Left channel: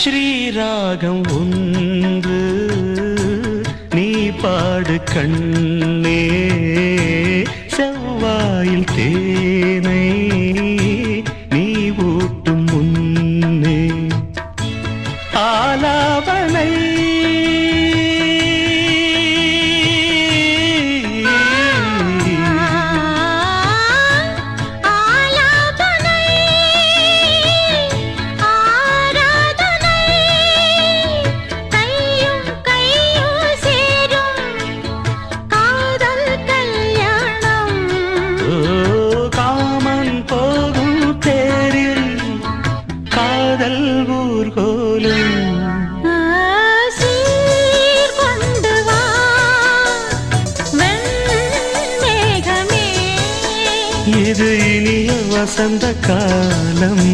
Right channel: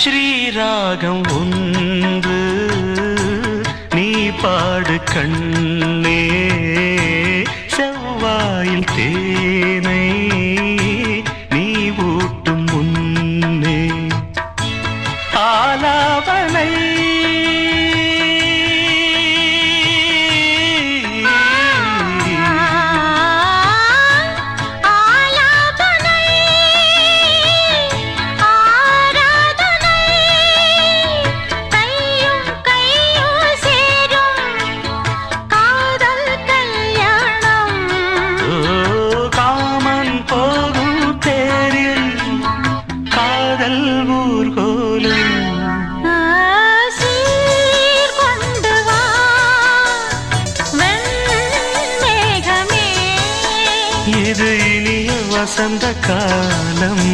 ஸ்ரீராகம் ஒன்று நீ பாடு கண்ணே, செவ்வாயில் தேனை நீ ஊட்டும் முன்னே ஆலாபனை இது இனிய வசந்த காலம்.